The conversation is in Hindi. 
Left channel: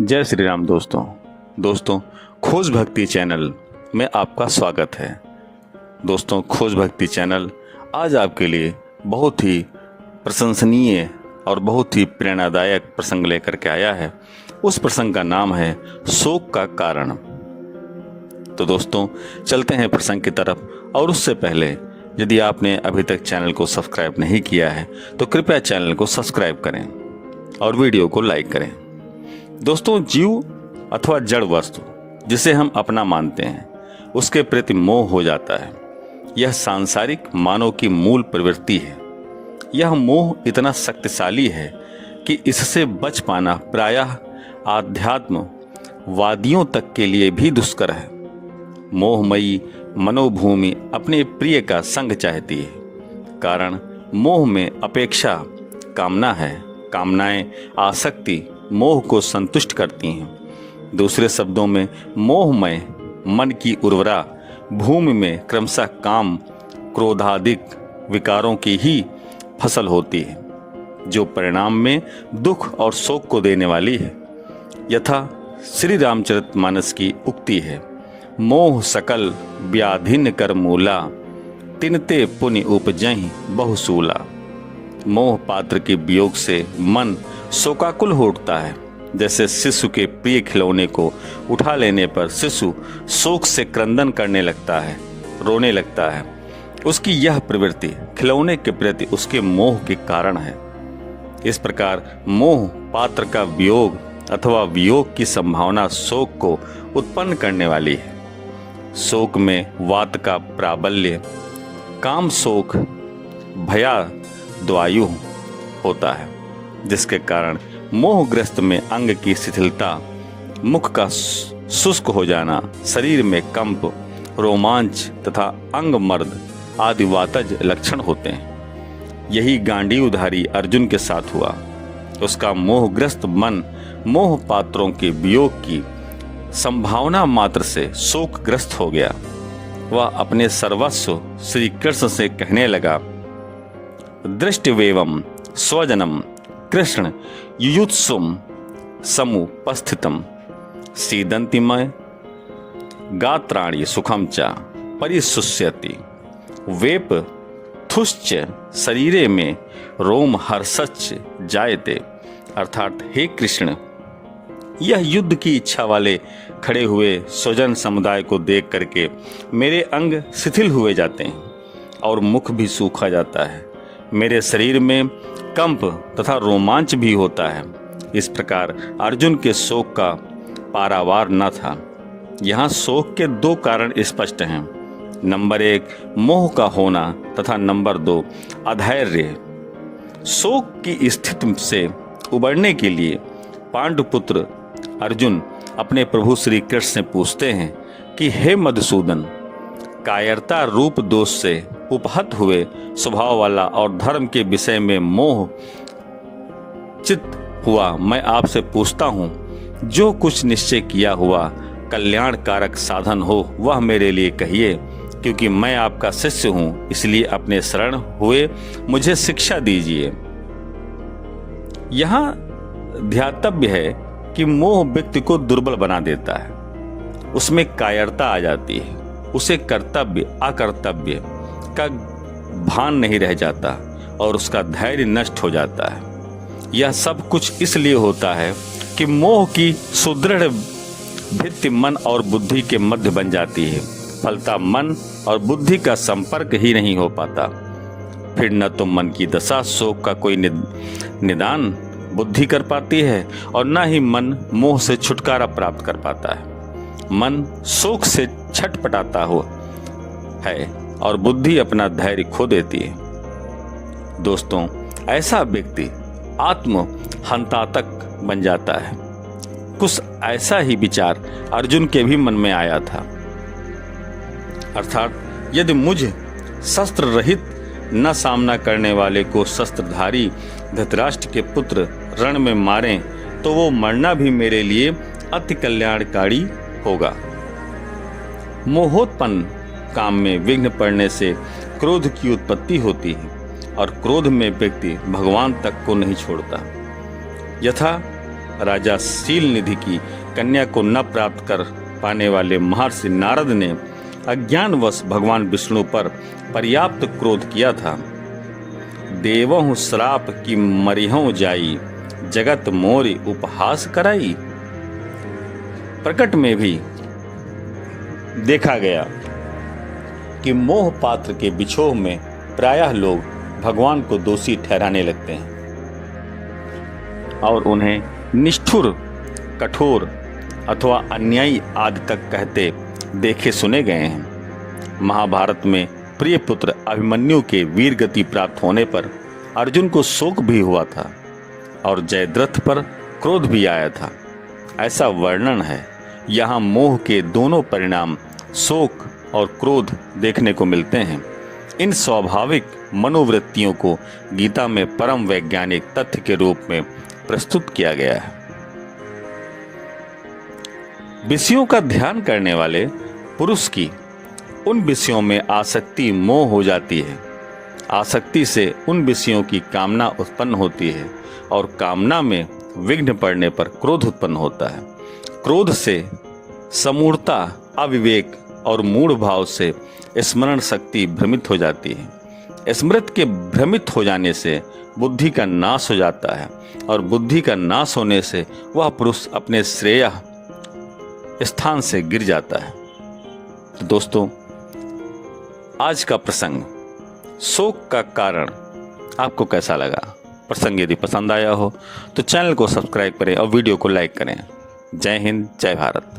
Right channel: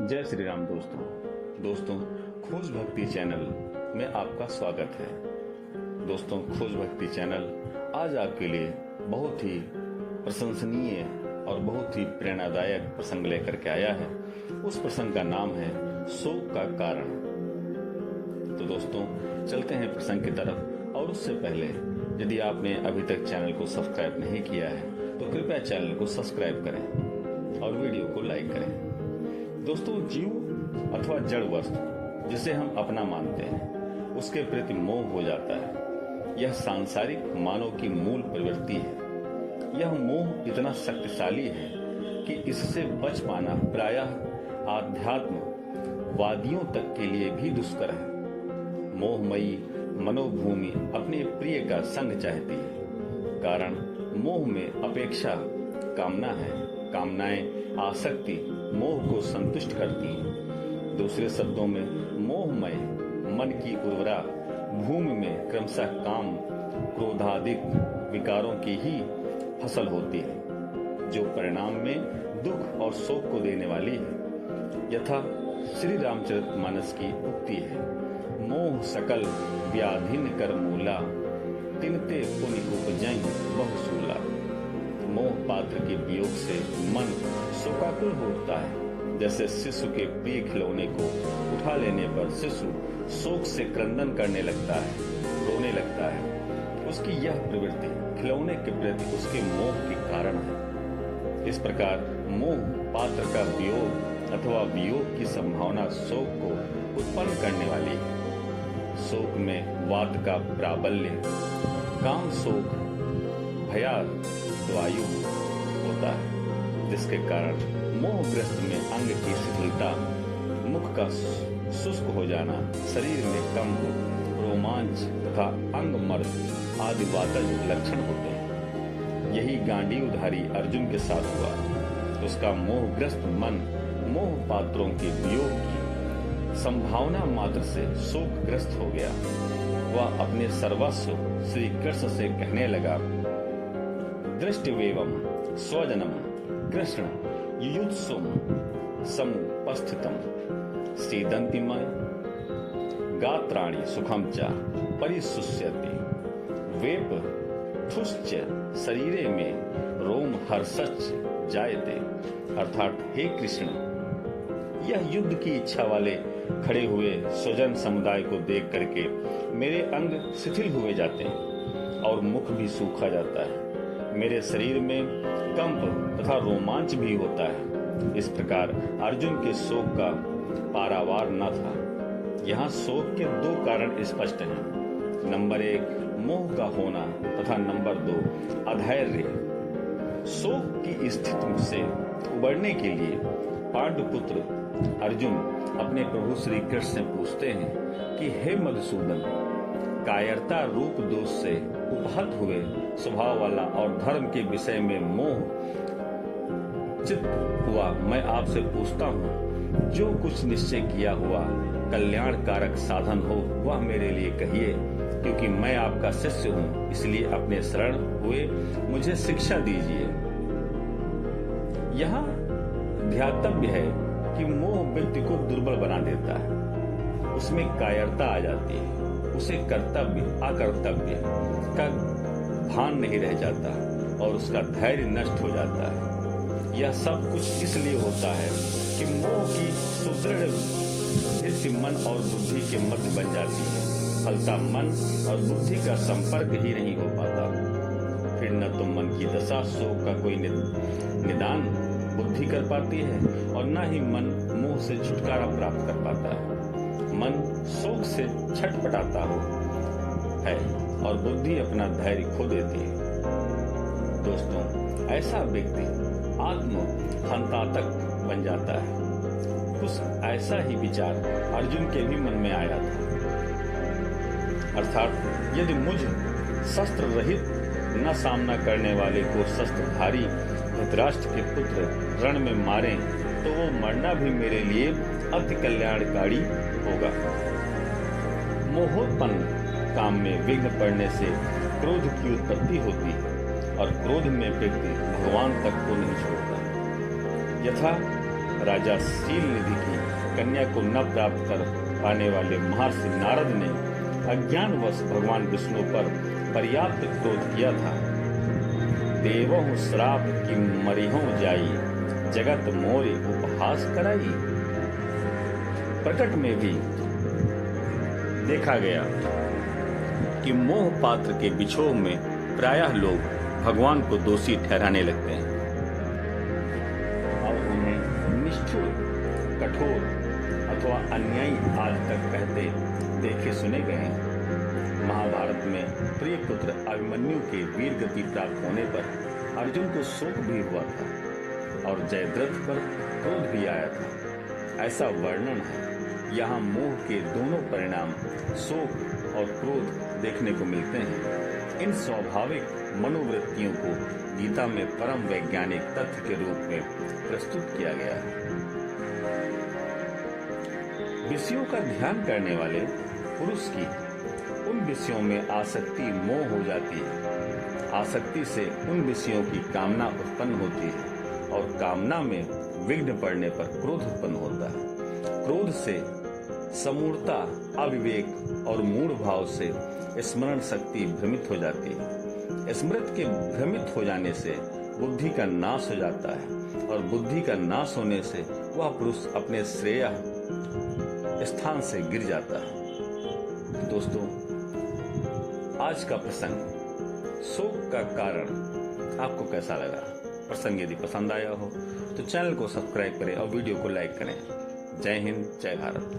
जय श्री राम दोस्तों खोज भक्ति चैनल में आपका स्वागत है। दोस्तों, खोज भक्ति चैनल आज आपके लिए बहुत ही प्रशंसनीय और बहुत ही प्रेरणादायक प्रसंग लेकर के आया है। उस प्रसंग का नाम है शोक का कारण। तो दोस्तों, चलते हैं प्रसंग की तरफ। और उससे पहले यदि आपने अभी तक चैनल को सब्सक्राइब नहीं किया है तो कृपया चैनल को सब्सक्राइब करें और वीडियो को लाइक करें। दोस्तों, जीव अथवा जड़ वस्तु जिसे हम अपना मानते हैं उसके प्रति मोह हो जाता है। यह सांसारिक मानव की मूल प्रवृत्ति है। यह मोह इतना शक्तिशाली है कि इससे बच पाना प्रायः आध्यात्म वादियों तक के लिए भी दुष्कर है। मोहमयी मनोभूमि अपने प्रिय का संग चाहती है, कारण मोह में अपेक्षा कामना है। कामनाएं आसक्ति मोह को संतुष्ट करती हैं। दूसरे शब्दों में, मोहमय मन की उर्वरा भूमि में क्रमशः काम क्रोधादिक विकारों की ही फसल होती है, जो परिणाम में दुख और शोक को देने वाली है। यथा श्री रामचरितमानस की उक्ति है, मोह सकल व्याधिन कर मूला, तिनते पुण्य उपजहि बहुसूला। मोह पात्र के वियोग से मन शोकाकुल हो उठता है। जैसे शिशु के प्रिय खिलौने को उठा लेने पर शिशु शोक से क्रंदन करने लगता है, रोने लगता है। उसकी यह प्रवृत्ति खिलौने के प्रति उसके मोह के कारण है। इस प्रकार मोह पात्र का वियोग अथवा वियोग की संभावना शोक को उत्पन्न करने वाली है। शोक में वात का प्राबल्य, काम शोक भया द्वायु होता है, जिसके कारण मोहग्रस्त में अंग की शिथिलता, मुख का शुष्क हो जाना, शरीर में कंप, रोमांच तथा अंग मर्द आदि वातज लक्षण होते हैं। यही गांडीवधारी अर्जुन के साथ हुआ। उसका मोहग्रस्त मन मोह पात्रों के वियोग की संभावना मात्र से शोकग्रस्त हो गया। वह अपने सर्वस्व श्री कृष्ण से कहने लगा, दृष्टवेवम स्वजनम कृष्ण युयुत्सुम समुपस्थितम सीदंतिमय गात्राणि सुखम च परिशुष्यति वेप थुश्च शरीरे में रोम हर्षच जायते। अर्थात, हे कृष्ण, यह युद्ध की इच्छा वाले खड़े हुए स्वजन समुदाय को देख करके मेरे अंग शिथिल हुए जाते हैं और मुख भी सूखा जाता है। मेरे शरीर में कंप तथा रोमांच भी होता है। इस प्रकार अर्जुन के शोक का पारावार न था। यहाँ शोक के दो कारण स्पष्ट हैं। नंबर 1, मोह का होना तथा नंबर 2, अधैर्य। शोक की स्थिति से उबरने के लिए पांडुपुत्र अर्जुन अपने प्रभु श्री कृष्ण से पूछते हैं कि हे मधुसूदन, कायरता रूप दोष से उपहत हुए स्वभाव वाला और धर्म के विषय में मोह चित हुआ मैं आपसे पूछता हूँ, जो कुछ निश्चय किया हुआ कल्याणकारक साधन हो वह मेरे लिए कहिए, क्योंकि मैं आपका शिष्य हूँ। इसलिए अपने शरण हुए मुझे शिक्षा दीजिए। यहाँ ध्यातव्य है कि मोह व्यक्ति को दुर्बल बना देता है। उसमें कायरता आ जाती है। उसे कर्तव्य अकर्तव्य का भान नहीं रह जाता और उसका धैर्य नष्ट हो जाता है। यह सब कुछ इसलिए होता है कि मोह की सुदृढ़ भित्ति मन और बुद्धि के मध्य बन जाती है। फलता मन और बुद्धि का संपर्क ही नहीं हो पाता। फिर न तो मन की दशा शोक का कोई निदान बुद्धि कर पाती है और न ही मन मोह से छुटकारा प्राप्त कर पाता है। मन शोक से छटपटाता हो है और बुद्धि अपना धैर्य खो देती है। दोस्तों, ऐसा व्यक्ति आत्म हंतातक बन जाता है। कुछ ऐसा ही विचार अर्जुन के भी मन में आया था। अर्थात, यदि मुझ शस्त्र रहित न सामना करने वाले को शस्त्रधारी धृतराष्ट्र के पुत्र रण में मारें तो वो मरना भी मेरे लिए अति कल्याणकारी होगा। मोहोत्पन्न काम में विघ्न पड़ने से क्रोध की उत्पत्ति होती है और क्रोध में व्यक्ति भगवान तक को नहीं छोड़ता। यथा राजा शील निधि की कन्या को न प्राप्त कर पाने वाले महर्षि नारद ने अज्ञानवश भगवान विष्णु पर पर्याप्त क्रोध किया था। देवहु श्राप की मरिहु जाई, जगत मोरि उपहास कराई। प्रकट में भी देखा गया कि मोह पात्र के बिछोह में प्रायः लोग भगवान को दोषी ठहराने लगते हैं और उन्हें निष्ठुर, कठोर अथवा अन्यायी आदि तक कहते देखे सुने गए हैं। महाभारत में प्रिय पुत्र अभिमन्यु के वीर गति प्राप्त होने पर अर्जुन को शोक भी हुआ था और जयद्रथ पर क्रोध भी आया था, ऐसा वर्णन है। यहाँ मोह के दोनों परिणाम शोक और क्रोध देखने को मिलते हैं। इन स्वाभाविक मनोवृत्तियों को गीता में परम वैज्ञानिक तथ्य के रूप में प्रस्तुत किया गया है। विषयों का ध्यान करने वाले पुरुष की उन विषयों में आसक्ति मोह हो जाती है। आसक्ति से उन विषयों की कामना उत्पन्न होती है और कामना में विघ्न पड़ने पर क्रोध उत्पन्न होता है। क्रोध से समूढ़ता, अविवेक और मूढ़ भाव से स्मरण शक्ति भ्रमित हो जाती है। स्मृति के भ्रमित हो जाने से बुद्धि का नाश हो जाता है और बुद्धि का नाश होने से वह पुरुष अपने श्रेय स्थान से गिर जाता है। तो दोस्तों, आज का प्रसंग शोक का कारण आपको कैसा लगा? प्रसंग यदि पसंद आया हो तो चैनल को सब्सक्राइब करें और वीडियो को लाइक करें। जय हिंद, जय भारत।